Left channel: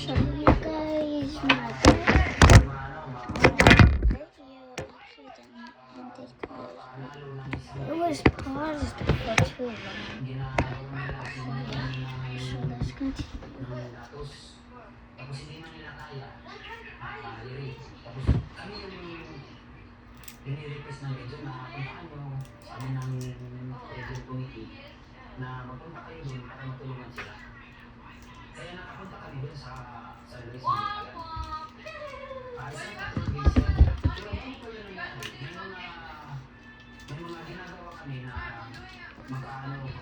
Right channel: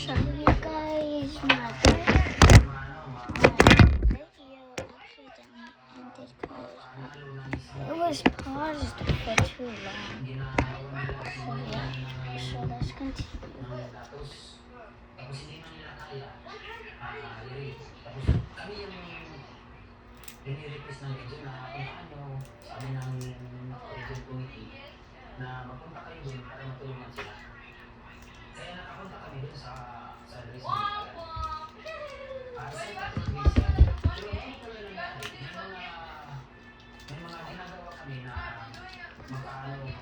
show you guys my it was paused for too long. So let's continue. Ini-request ng medyo na puntaan nyo sa amin ng region committee na magpunta kayo doon para matulungan sila. Kaya nakapunta kami doon sa Luis Medical. Isang categories yan. Pero ngayon pala nangyari, may mga ginagawa kami na makatulong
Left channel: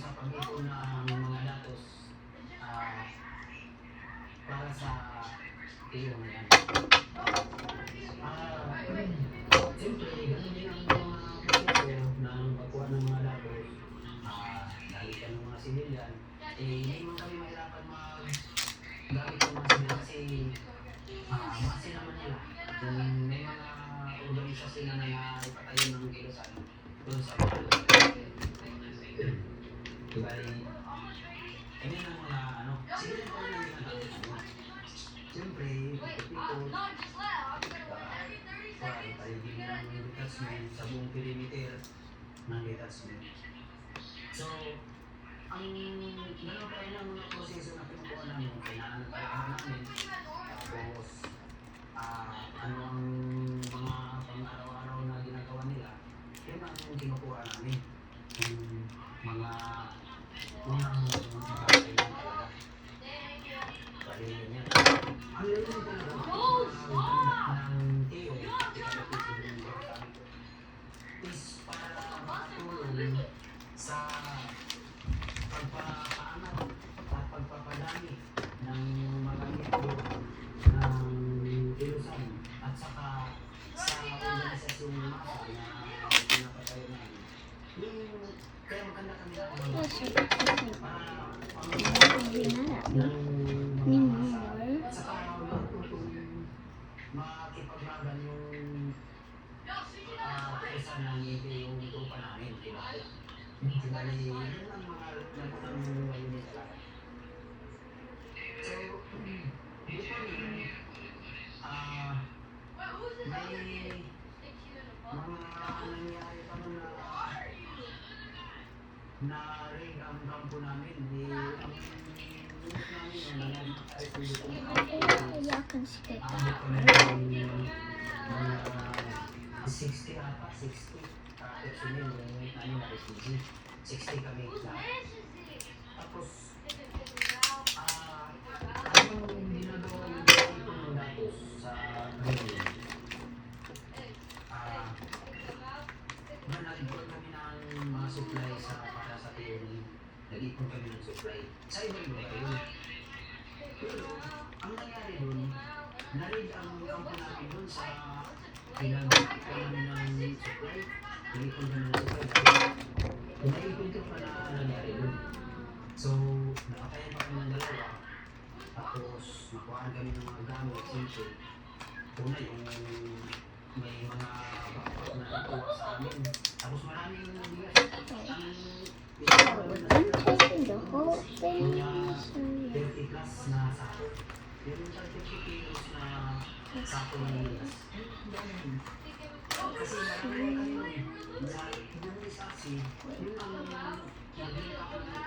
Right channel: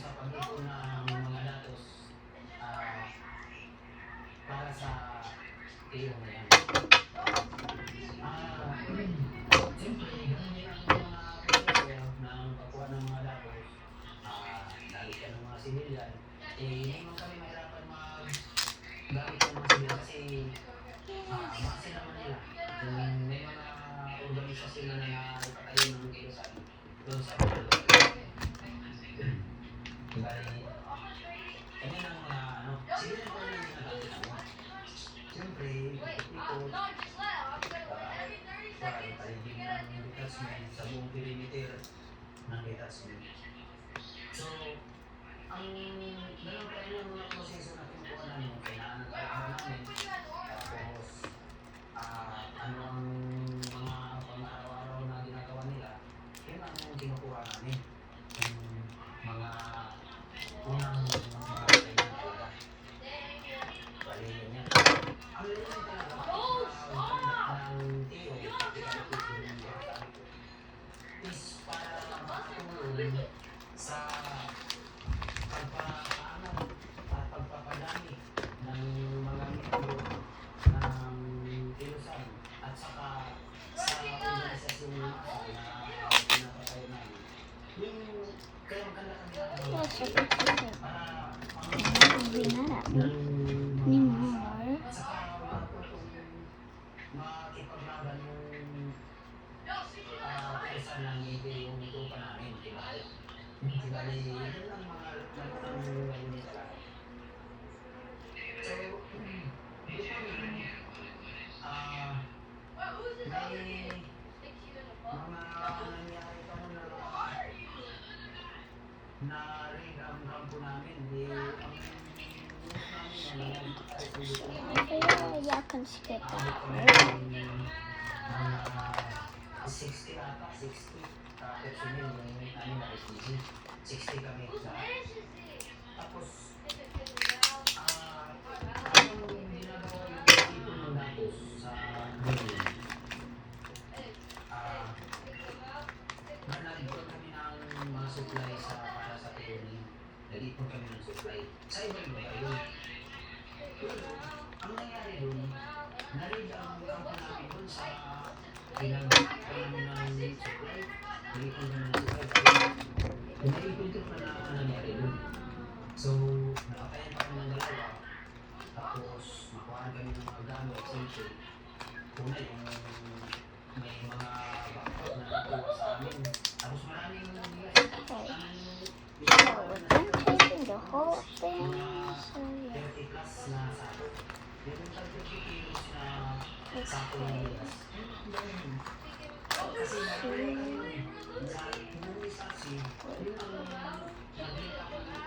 sa pag-ipon ng mga datos para sa iyo na yan. Siyempre, ganun din ang mga procedure ng pagkuha ng mga datos. Dahil ka ng mga civilian, hindi man kami mahirapan gamit ng mga civilian kasi base naman nila. Kung may mga organisasyon na ipatayo ng kilusan doon sa Bali, kanya ng mga civilian pa rin ang ginagamit namin. Siyempre, ikot, paligid ng detachment sa buong perimeter ng detachment. So, ang ganun pa rin ang proseso na pinukuha namin, kailangan ng kalaban namin. Tapos, ano ang mga pang-araw-araw na ginagawa nila, yun ang kinukuha namin. Yung mga unang mga kailangan talaga. Bali, yun yan. Ang layunin talaga ng TO, is para makatulong sa pagpapaano at pagpapadami ng mga miyembro ng kilusan at saka sa organisasyong masa na pinapatayo namin. Yung kaya maganda kami makipaglaban yung kesa ng yung lupa namin, diba? Bali, yun ang mga unit talaga. So, dito rin, may mga nangyari pa na rin ang kampo namin. Ang Yakan skip that. 60 ata, 60. Tapos yun yung na SPG. 60 kami lahat. Tapos, anong ginagawa yung ito ng datos sa building? Nag-ipon kami ng mga supply para sa theory. Nag-ipon kami ng supply. Sa ibang lugar yun. Pero, ang nangyari dun, narid ang kampo namin dun sa pinag-ipon namin ng supply. Nag-ipon kami ng supply. Nag-ipon ko pa na nangyari dun. So, nakatayan pa kami ng dalawa. Tapos, makuhaan kami ng mga gamit. Siyempre, una yung may mga backpack na nakuha sa amin. Tapos maraming bigas. I'm taking the whole thing. 50 plus na sako. Yung 30 kilos na sako ng bigas. Kasi nagkaroon kami na yung saksi, yung naging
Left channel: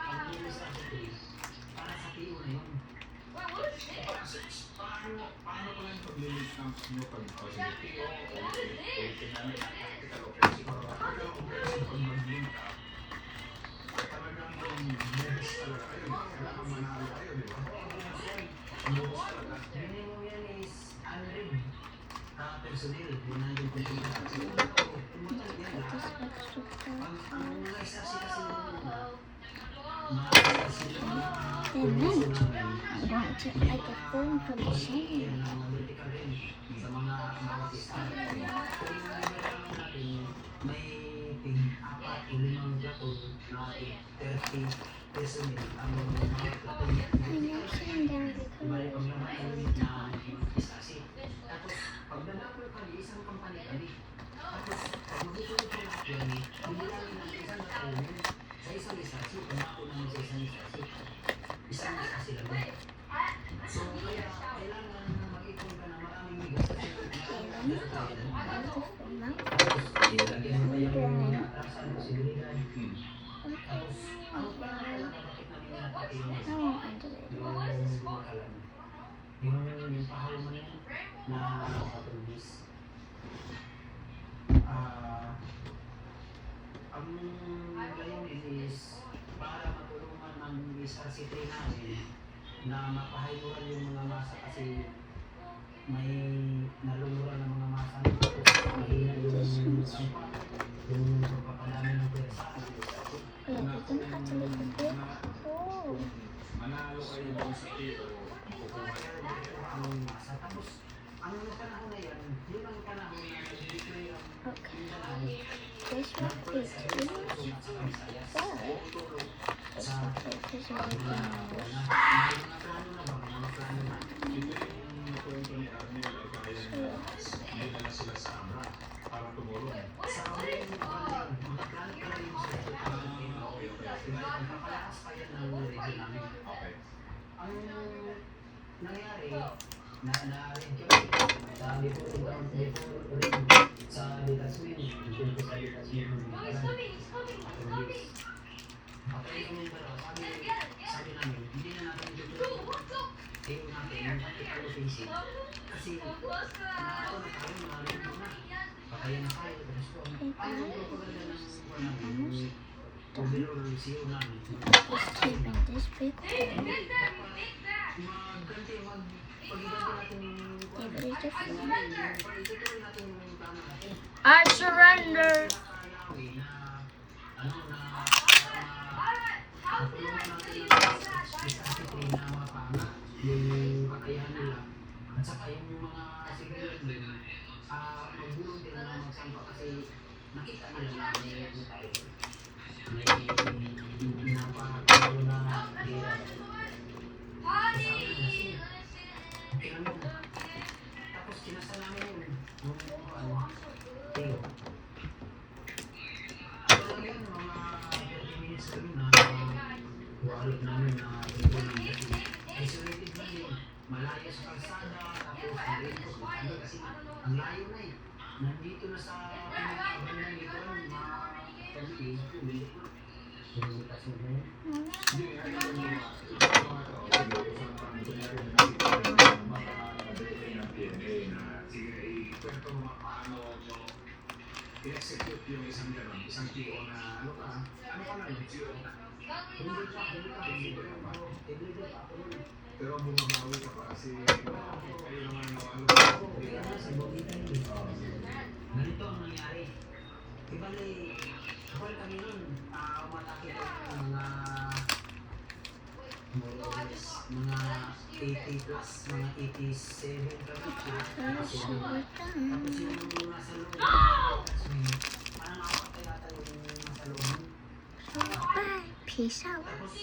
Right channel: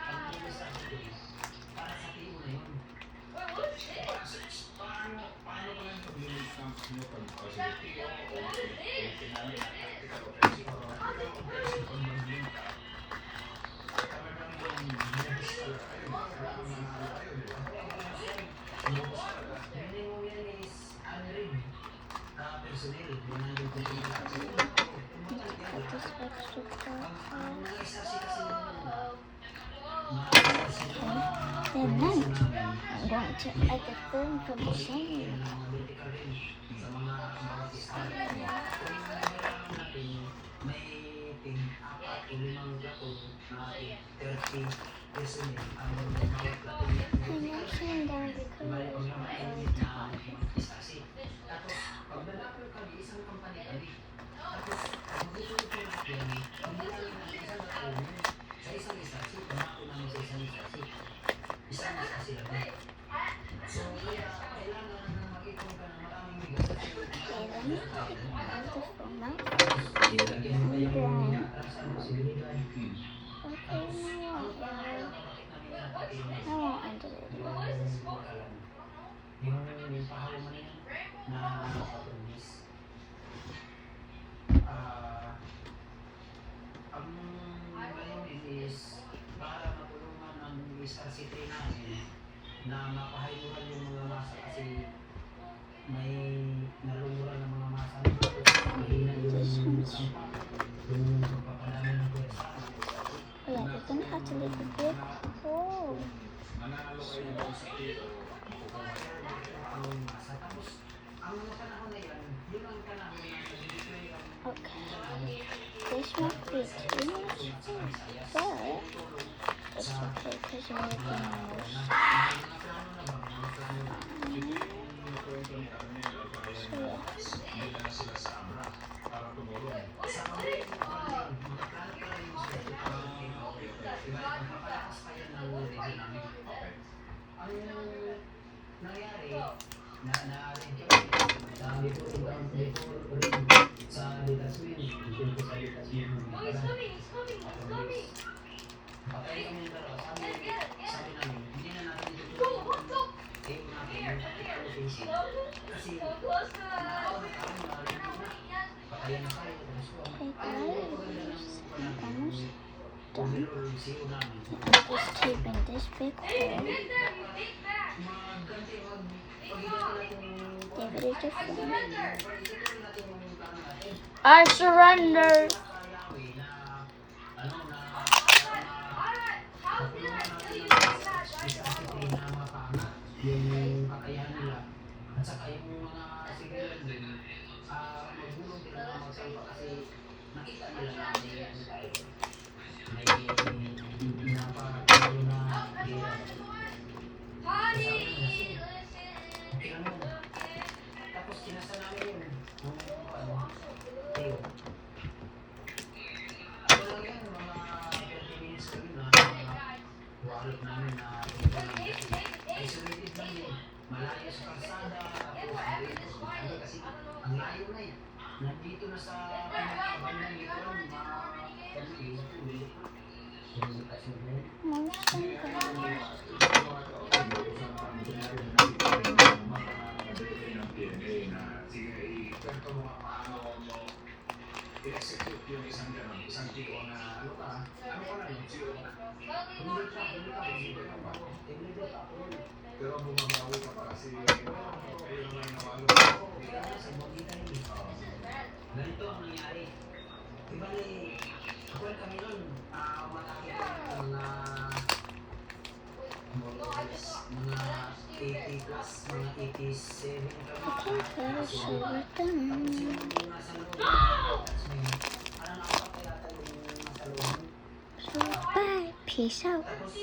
administrative para sa tiyo na yun. Paano ko yung pag-limit ng nyo pag-facility o namin ang tactical offensive o offensive pag mag-limit ka? Talagang mubos talaga kayo. Kailangan manalo kayo, di ba? Mubos talaga. Minimum yan is 100 personnel. 100 personnel. Ang mga isa kasi And then I'm going to add the film for the same. sa mga bawat isa. Kung nalaman natin, may 4 o 5 plato na 30 personnel ang bawat plato. I'm mentioning that Balik because ang mga unit na isa-kasi. Tapos, pag nalapag ka, isang kampanya kami. Tapos, pag mag-ituloy ko lahat yan, hindi namin ang isang plato sa isang isa-kasi, pangako namin sa isang isa-kasi. isang mas sila doon. So, kaya kailangan mag-ipon ka ng maraming bigas kasi Seven. Beautiful na. ilagyan mo pa yung atrasan mo, seguridad. Okay. Ano pa ang bakit namin napati yung I want under it. yung pahal mo na yan na kapatulis. Ang layunin is para matulungan ang SRC3 namin na mapahayuran yung mga masa kasi may naluluran ng mga masa tapos mahina yung sampa, yung pagpapadami ng pwersa. Yeah, we're gonna have to make a big hole. Manalo kayo doon sa tito, kukuha Ang masa tapos ang mga panahon na yan, yun ang panahon na nag-display ang Okay. This one is huge, but it's okay because you're making a mouse. Nakwento ni Arnel ay kaya dinala sila sa Abra para tumulong. Okay. Ang nangyari, sa detachment, dito sa detachment. Sabi namin, hindi na natin kayo natin yung tactical offensive. Kasi kaya na kayo. Overall, siyo namin. Just keeping this big hole. Give it a flip. I surrender. Yung kakayahan nila at saka yung mga seguridad nila nagulong sila na magsalpa kasi nakita nila na may pinapatalo na gera. Sabi nila siya, tapos kinasa namin yun nung Teo. Ano lang yun, mga 30 minutes lang na wallet namin na dito na isolated lang yun. Malayo sa kalsada, tapos ano kasi ang layo na eh. Nandito na sa bandang ito, mga kanili, hindi. Yung kasi na yun. I-execute yung isang ganun, isang PO na ano ka na yung PO? Pero bumabawi ka pa kasi kayo naman yung ano. Ganito ang nangyari. Ibali, ako kami nun, mga 80 plus, mga 87 kami. Very sure we're Tapos done. yung nasa loob, tapos may, parang apat na yata yung nasa loob. So, bye. Peace out. Tapos